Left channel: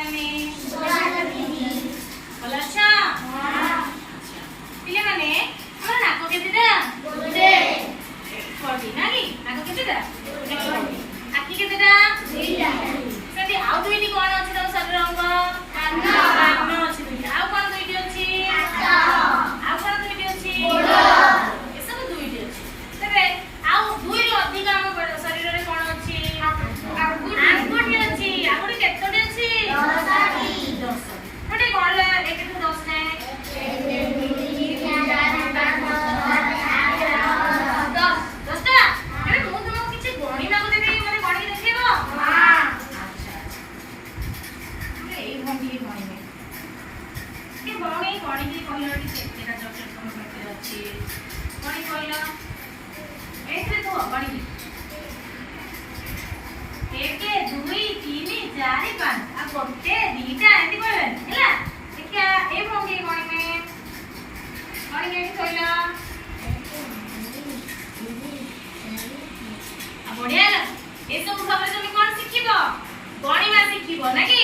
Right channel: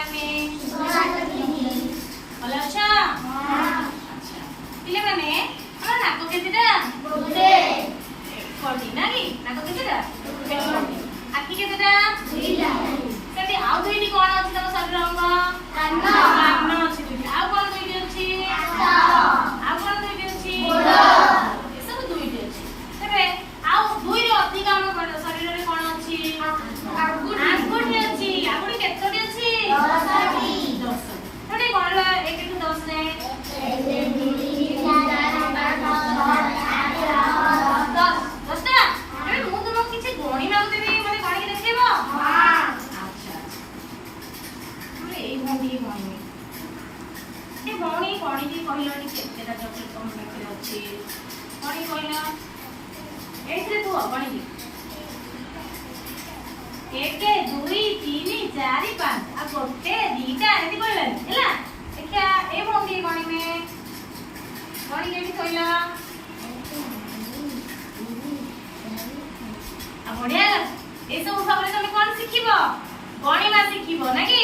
माने भल अच्छा अच्छा पिले माने हमर नाको केतेटा गोटे कोडी ना की नाको केतेटा आखि केतेटा दुईटा सेति आउ दुईटी कोन अछि त शरीर अंग कान कान अछि दुईटी आउ कोन दुईटी अछि आउ कोन दुईटी अछि गोड़ ए सब दुईटी अछि तबे आउ दुई रो अधिक हम शरीर रे कोन अछि आंगुठी अछि आंगुठी केतोटी अछि 10 थोड़े कोन 1 टू 10 ने बढ़िया ए सब सबले तुम कोन सिखिबो गणिमा सिखिबो ना कि